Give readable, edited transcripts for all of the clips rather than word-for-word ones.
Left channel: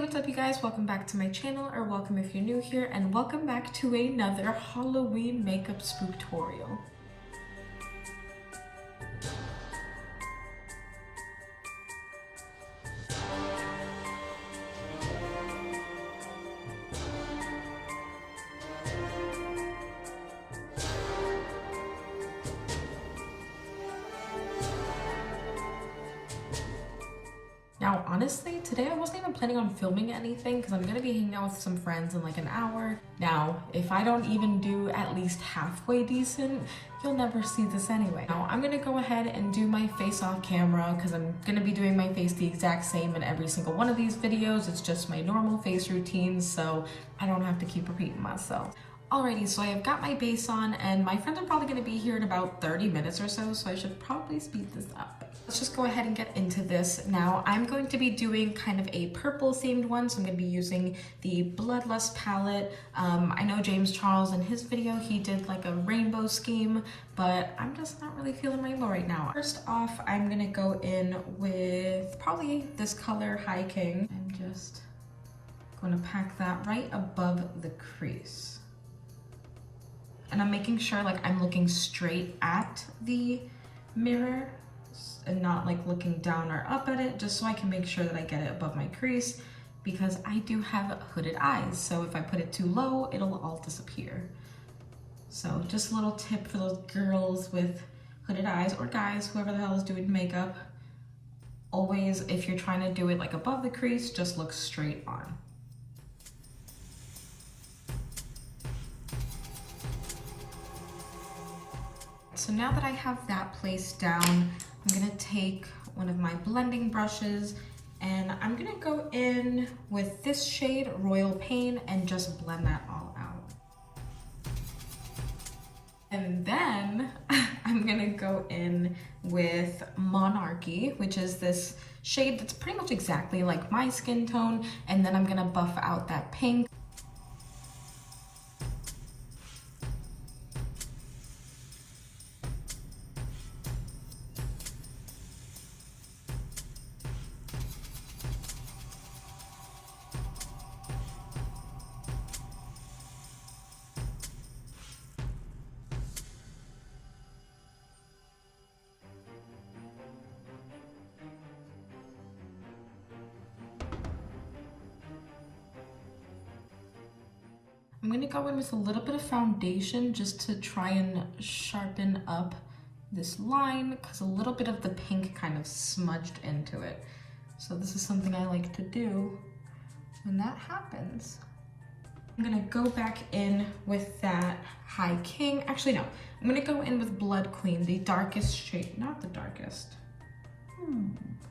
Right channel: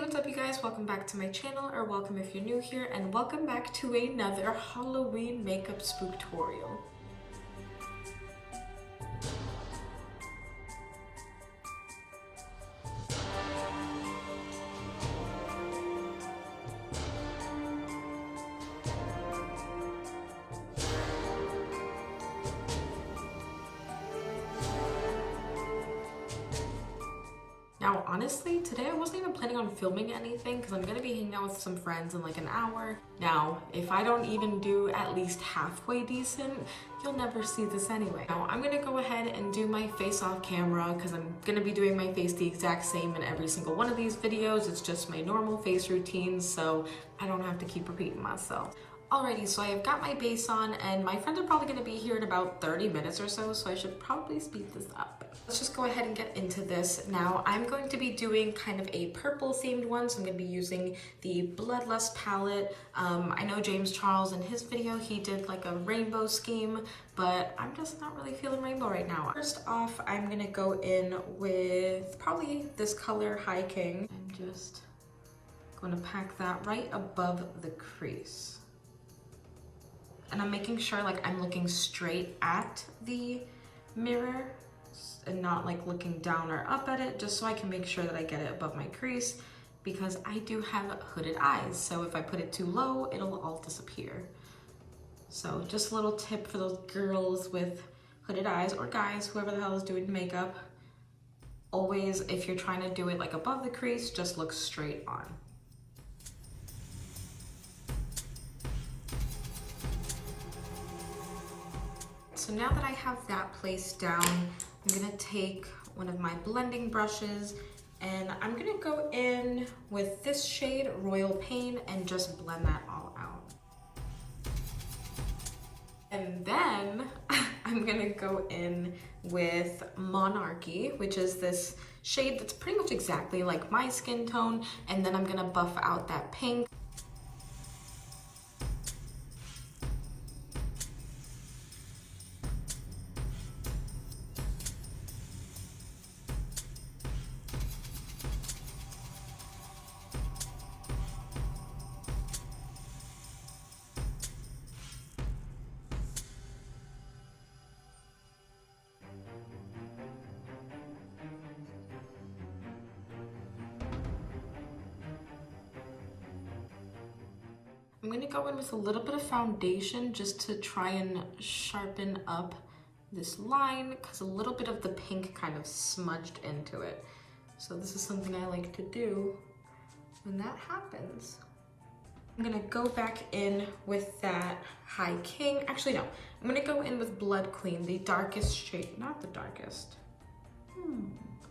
What's up you guys? Welcome back to my channel, or welcome if you're new here, and welcome back to another Halloween makeup spooktorial. Now, honestly, today I wasn't even planning on filming anything because I'm gonna be hanging out with some friends in like an hour. Now, if I don't even do at least halfway decent, you'll never see this anyway. Now, I'm gonna go ahead and do my face off camera because I'm gonna be doing my face the exact same in every single one of these videos. It's just my normal face routine, so I don't have to keep repeating myself. Alrighty, so I've got my base on and my friends are probably gonna be here in about 30 minutes or so I should probably speed this up. Let's just go ahead and get into this. Now, I'm going to be doing kind of a purple themed one, so I'm gonna be using the Bloodlust palette. I know James Charles in his video, he did like a rainbow scheme, but I'm just not really feeling rainbow right now. First off, I'm gonna go in with probably this color, High King. I'm just gonna pack that right above the crease. And I'm making sure like I'm looking straight at the mirror and not like looking down or up at it, just so I can make sure that I get it above my crease, because I do have hooded eyes. So if I put it too low, it'll all disappear. So just a little tip for those girls with hooded eyes, or guys, whoever the hell is doing makeup. Always, if you're trying to do it like above the crease, just look straight on. So now that I have that placed down, I'm gonna take one of my blending brushes and I'm gonna go in with this shade, Royal Pain, and just blend that all out. And then I'm gonna go in with Monarchy, which is this shade that's pretty much exactly like my skin tone, and then I'm gonna buff out that pink. I'm gonna go in with a little bit of foundation just to try and sharpen up this line, because a little bit of the pink kind of smudged into it. So this is something I like to do when that happens. I'm gonna go back in with that High King. Actually, no, I'm gonna go in with Blood Queen, the darkest shade, not the darkest.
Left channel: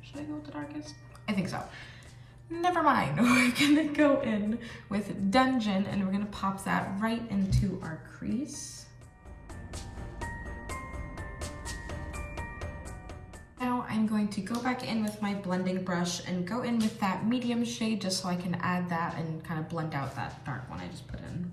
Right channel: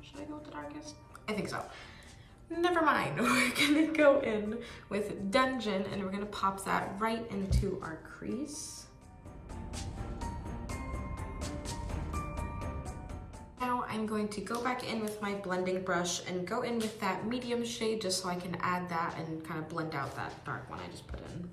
Should I go with the darkest? I think so. Never mind, we're gonna go in with Dungeon and we're gonna pop that right into our crease. Now I'm going to go back in with my blending brush and go in with that medium shade just so I can add that and kind of blend out that dark one I just put in.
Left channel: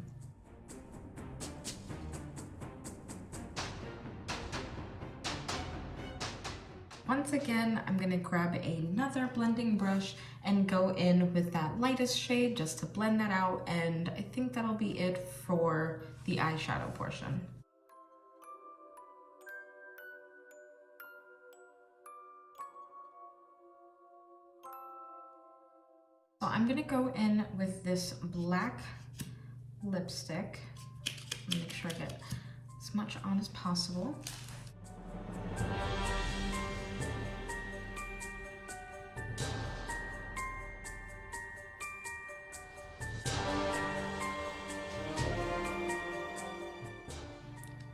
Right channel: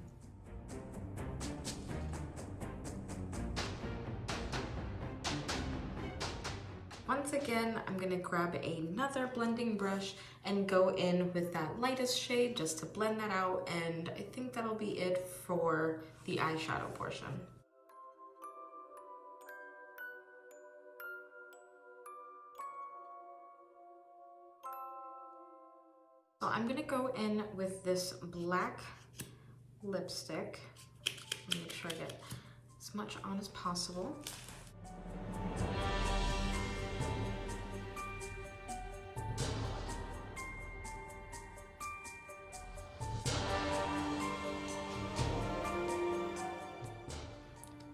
Once again, I'm gonna grab another blending brush and go in with that lightest shade just to blend that out, and I think that'll be it for the eyeshadow portion. So I'm gonna go in with this black lipstick. Make sure I get as much on as possible.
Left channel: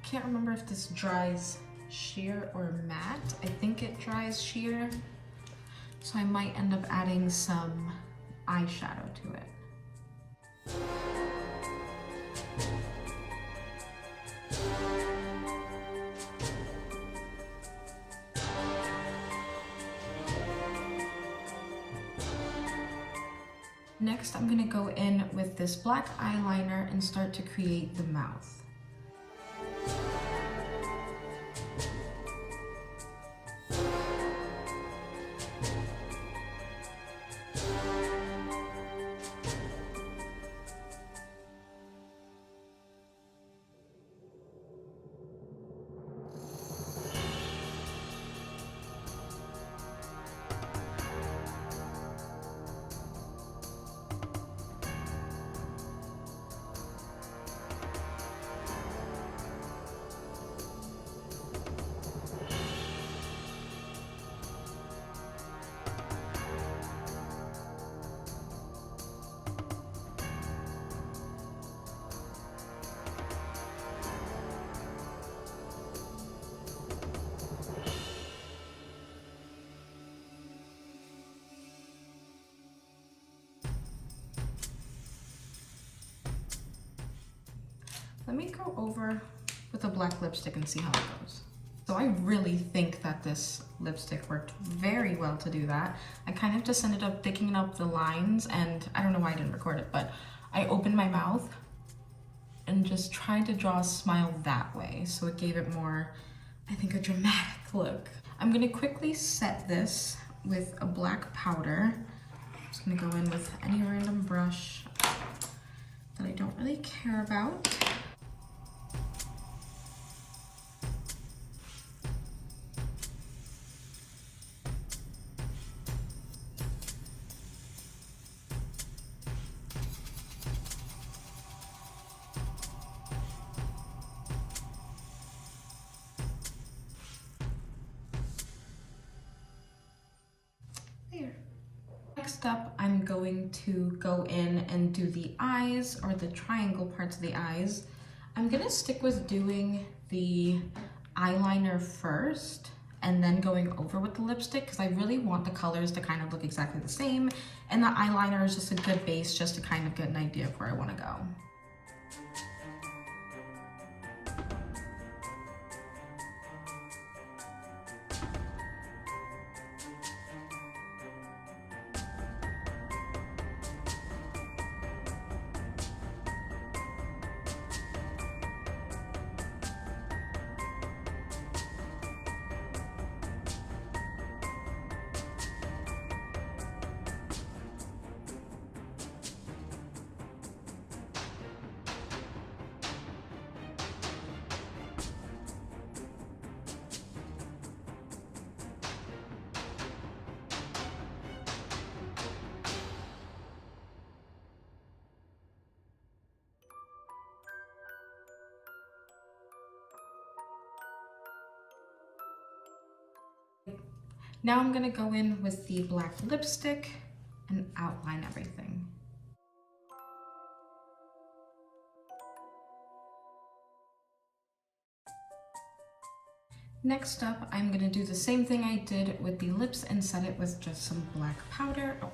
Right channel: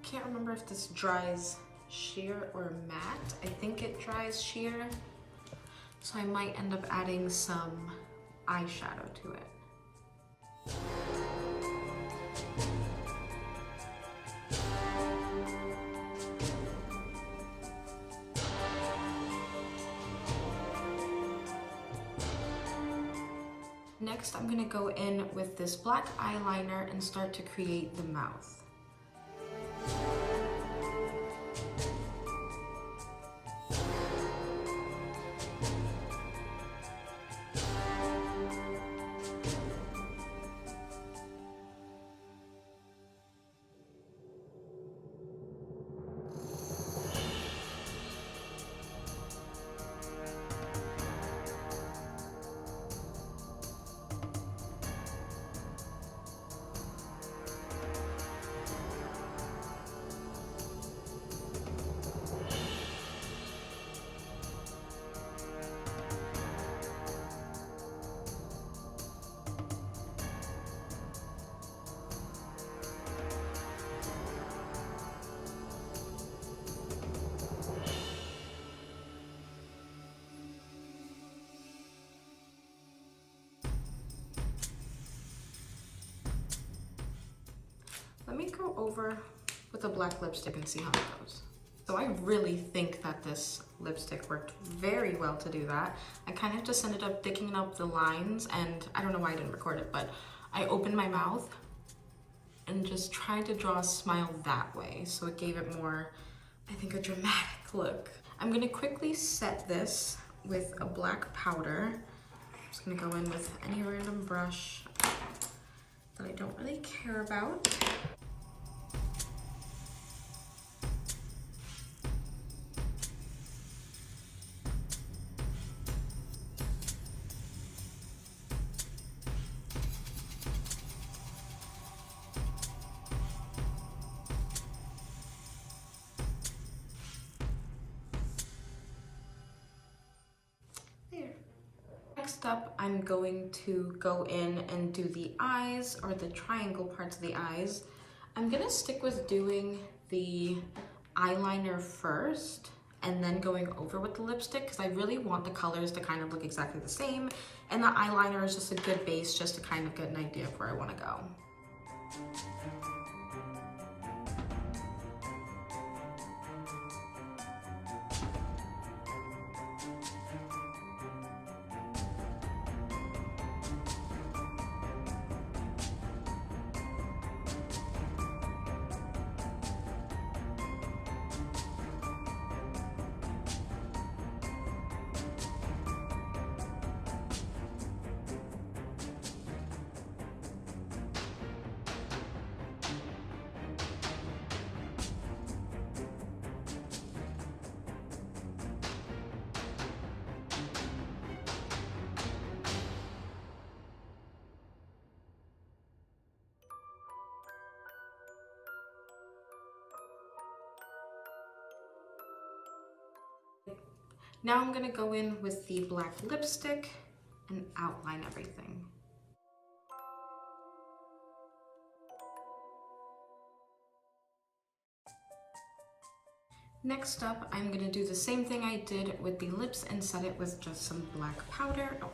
Can't remember if this dries sheer or matte. I think it dries sheer, so I might end up adding some eyeshadow to it. Next, I'm gonna go in with this black eyeliner and start to create the mouth. let me go over with a black lipstick and see how it goes. So I really think that this lipstick worked very well to do that. I kind of just ended up picking up the lines, and I don't know why I didn't record it, but I opened my mouth and just tried to draw a smile that way. So it gave it more, I think, a dramatic look. I'm gonna quickly set this with a black powder. I'm just gonna go in with any random brush that I don't really care about. Next up, I'm going to go in and do the eyes, or the triangle parts of the eyes. I'm gonna stick with doing the eyeliner first and then going over with the lipstick, because I really want the colors to kind of look exactly the same, and the eyeliner is just a good base just to kind of get an idea of where I want to go. Now I'm gonna go in with the black lipstick and outline everything. Next up, I'm gonna do the same thing I did with the lips and set it with just some black powder. Oh,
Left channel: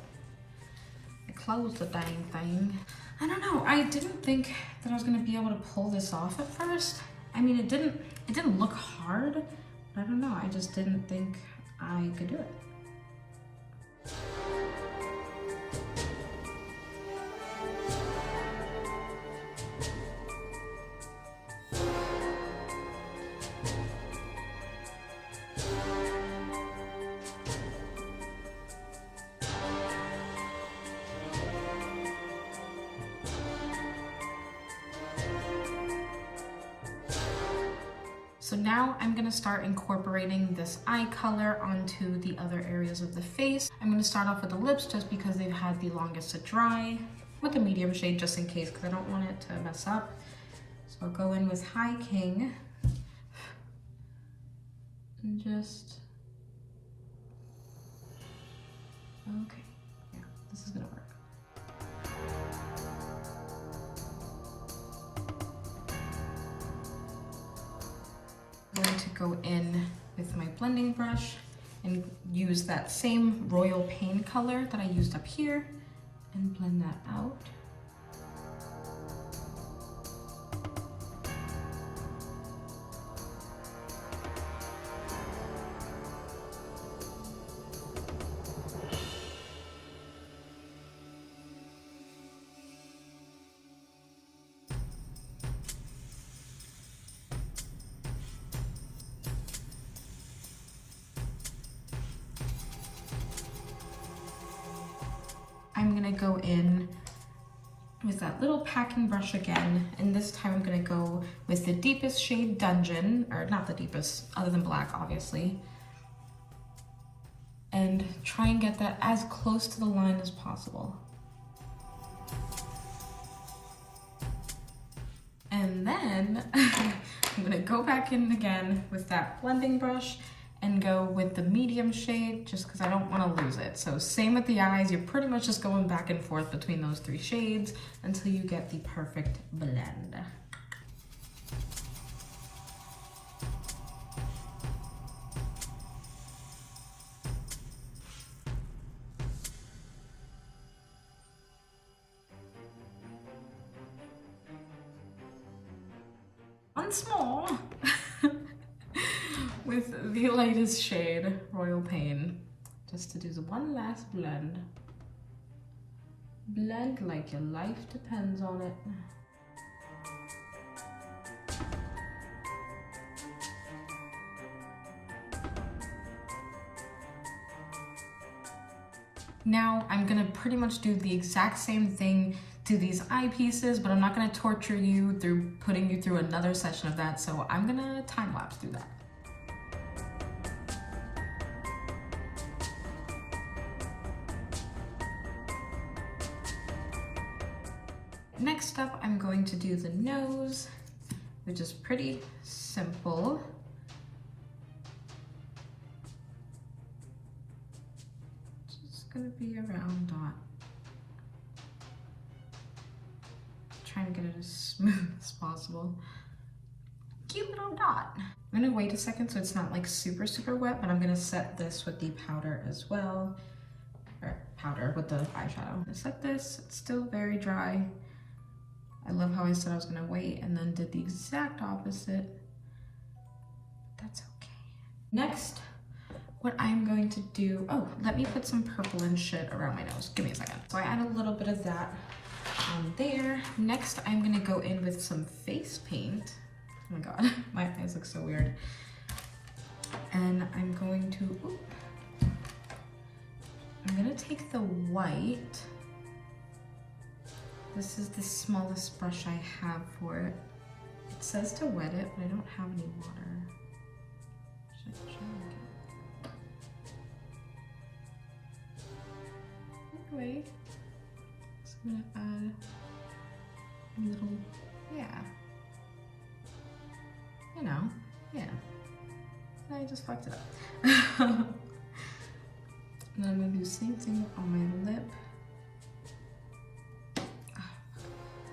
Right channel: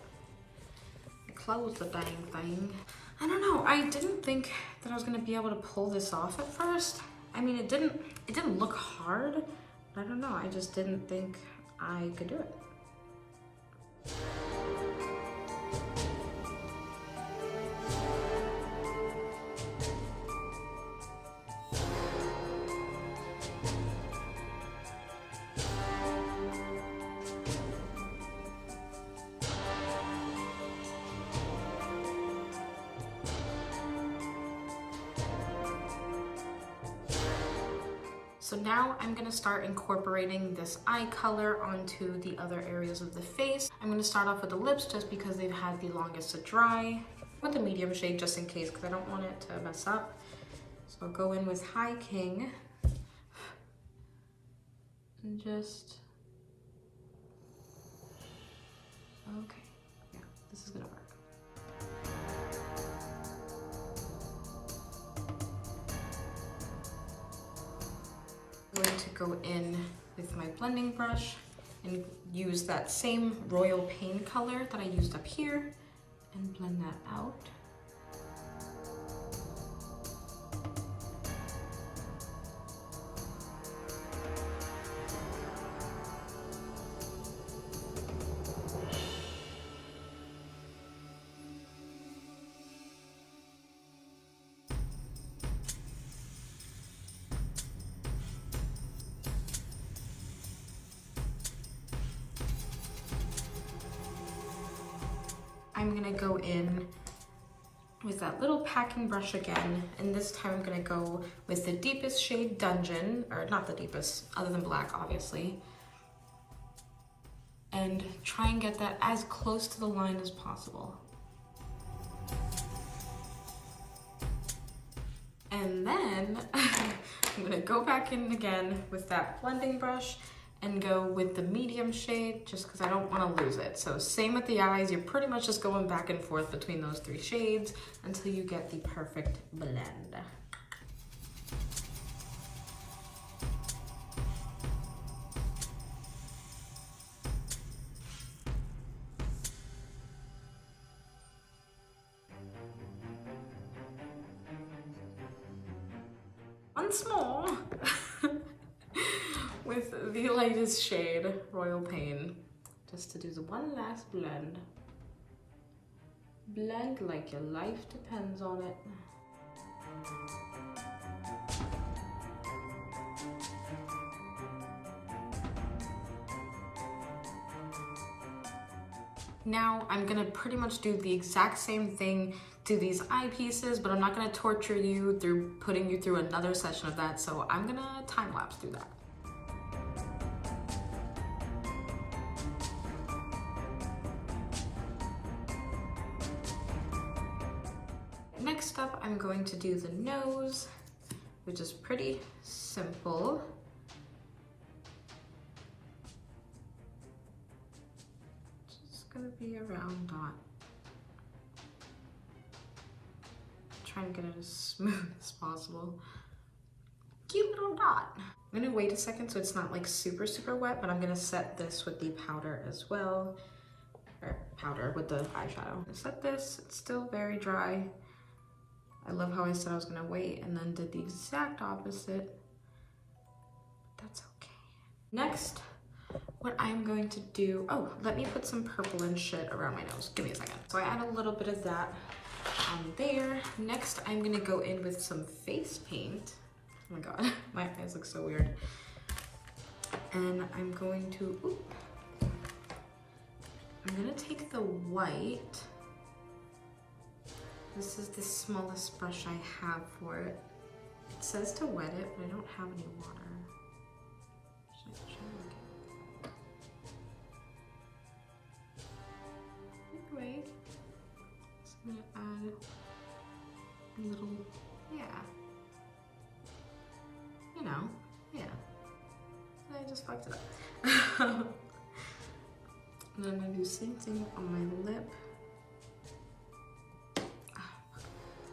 I closed the dang thing. I don't know, I didn't think that I was gonna be able to pull this off at first. I mean, it didn't look hard, but I don't know, I just didn't think I could do it. So now I'm gonna start incorporating this eye color onto the other areas of the face. I'm gonna start off with the lips just because they've had the longest to dry, with a medium shade just in case, because I don't want it to mess up. So I'll go in with High King and just, okay, yeah, this is gonna work. I'm going to go in with my blending brush and use that same Royal Pain color that I used up here and blend that out. I'm gonna go in with that little packing brush again, and this time I'm gonna go with the deepest shade Dungeon, or not the deepest, other than black, obviously, and try and get that as close to the line as possible. And then I'm gonna go back in again with that blending brush and go with the medium shade just because I don't want to lose it. So same with the eyes, you're pretty much just going back and forth between those three shades until you get the perfect blend. once more with the lightest shade, Royal Pain, just to do the one last blend. Blend like your life depends on it. Now I'm gonna pretty much do the exact same thing to these eyepieces, but I'm not gonna torture you through putting you through another session of that, so I'm gonna time lapse through that. Next up, I'm going to do the nose, which is pretty simple. Gonna be a round dot. Trying to get it as smooth as possible. Cute little dot. I'm gonna wait a second so it's not like super wet, but I'm gonna set this with the powder as well. Or powder with the eyeshadow. I'm gonna set this, it's still very dry. I love how I said I was gonna wait and then did the exact opposite. That's okay. Next, what I'm going to do, oh, let me put some purple and shit around my nose. Give me a second. So I add a little bit of that on there. Next, I'm gonna go in with some face paint. Oh my God, my eyes look so weird. And I'm going to, I'm gonna take the white. This is the smallest brush I have for it. It says to wet it, but I don't have any water. Anyway, so I'm gonna add a little, yeah. You know, yeah. I just fucked it up. And then I'm gonna do the same thing on my lip.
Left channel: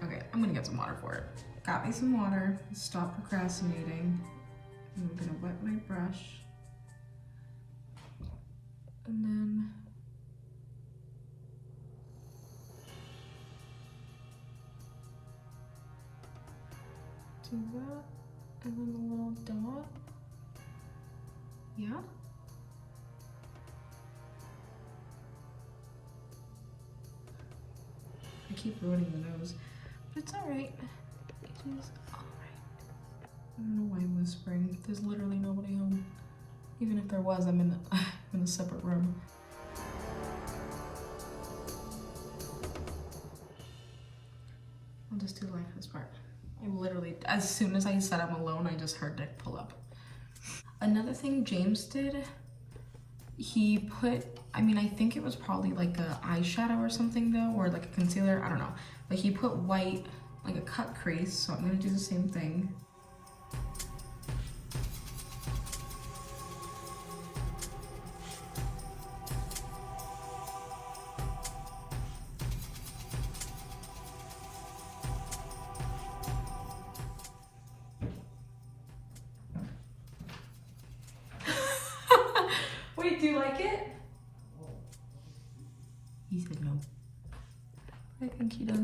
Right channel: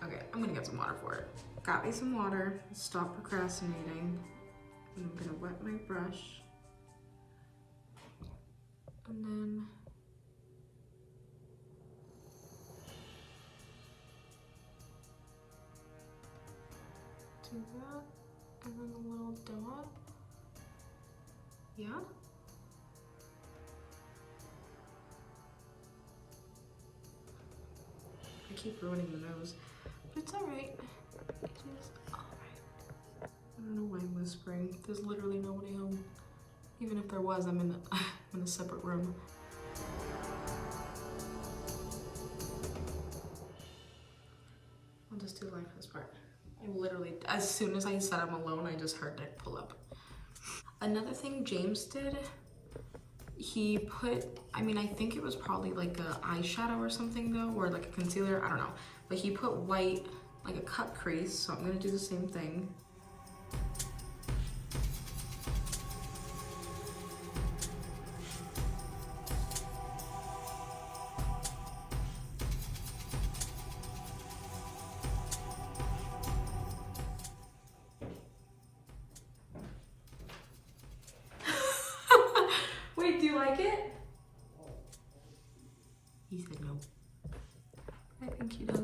Okay, I'm gonna get some water for it. Got me some water, stop procrastinating. And I'm gonna wet my brush. And then do that, and then a little dot. Yeah. I keep ruining the nose, but it's alright. It's alright. I don't know why I'm whispering. There's literally nobody home. Even if there was, I'm in a separate room. I'll just do lifeless part. I literally, as soon as I said I'm alone, I just heard Nick pull up. Another thing James did, he put, I mean, I think it was probably like a eyeshadow or something though, or like a concealer, I don't know. But he put white, like a cut crease, so I'm gonna do the same thing. Wait, do you like it? He said no. I think he does.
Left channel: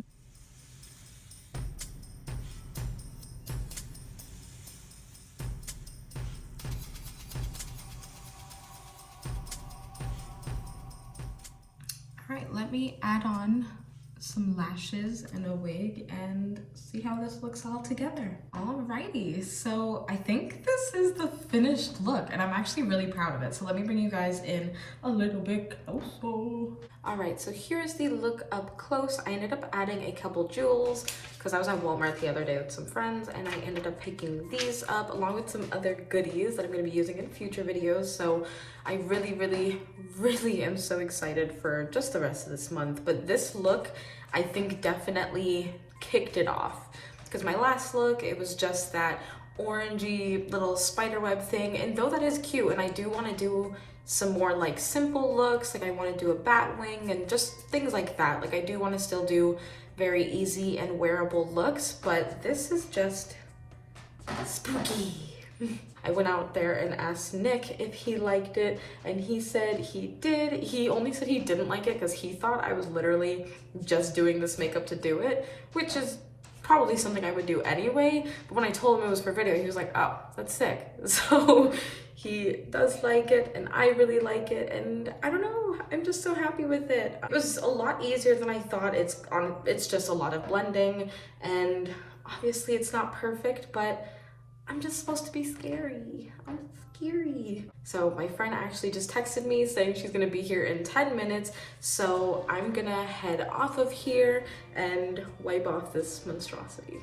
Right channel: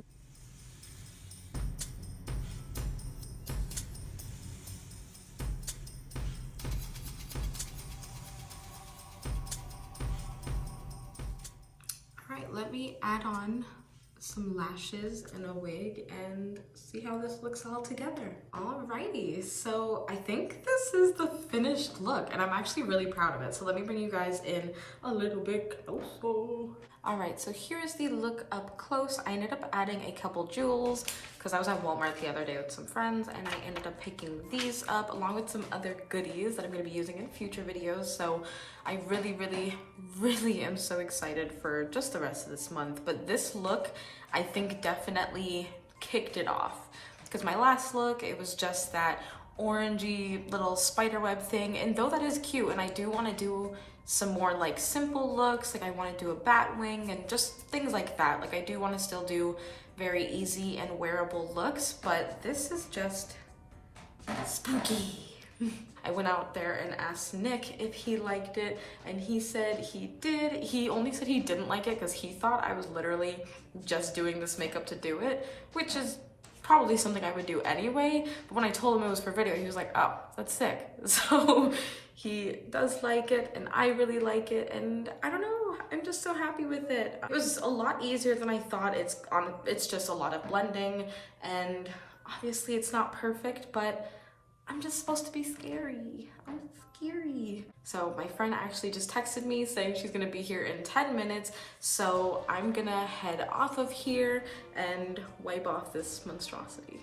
All right, let me add on some lashes and a wig and see how this looks all together. Alrighty, so I think this is the finished look and I'm actually really proud of it. So let me bring you guys in a little bit closer. All right, so here's the look up close. I ended up adding a couple jewels because I was at Walmart the other day with some friends and I ended up picking these up along with some other goodies that I'm gonna be using in future videos. So I really am so excited for just the rest of this month. But this look, I think definitely kicked it off. Because my last look, it was just that orangey little spiderweb thing. And though that is cute, and I do want to do some more like simple looks, like I want to do a bat wing and just things like that. Like I do want to still do very easy and wearable looks, but this is just spooky. I went out there and asked Nick if he liked it, and he said he did. He only said he didn't like it because he thought I was literally just doing this makeup to do it, which is probably something I would do anyway, but when I told him it was for video, he was like, oh, that's sick. So he does like it, and I really like it, and I don't know, I'm just so happy with it. It was a lot easier than I thought. It's just a lot of blending, and obviously it's not perfect, but I'm just supposed to be scary. I'm scary. So my friend actually just texted me saying she's gonna be here in 10 minutes, so I'm gonna head off of here and wipe off this monstrosity.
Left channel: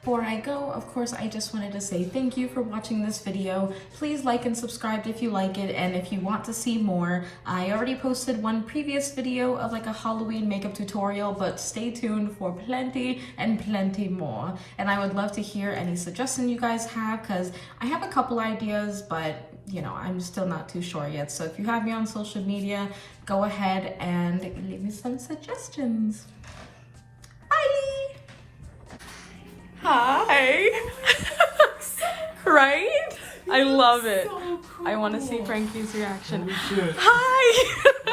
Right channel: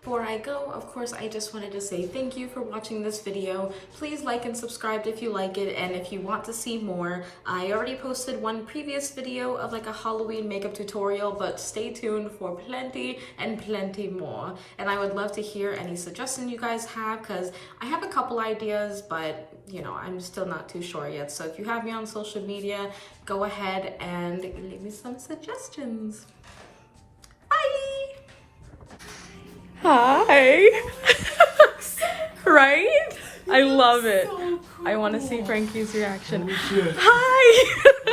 Before I go, of course, I just wanted to say thank you for watching this video. Please like and subscribe if you like it, and if you want to see more, I already posted one previous video of like a Halloween makeup tutorial, but stay tuned for plenty and plenty more. And I would love to hear any suggestions you guys have, because I have a couple ideas, but you know, I'm still not too sure yet. So if you have me on social media, go ahead and leave me some suggestions. Bye! Hi! Right? I love it. So cool. I want to see Frankie's reaction. Hi!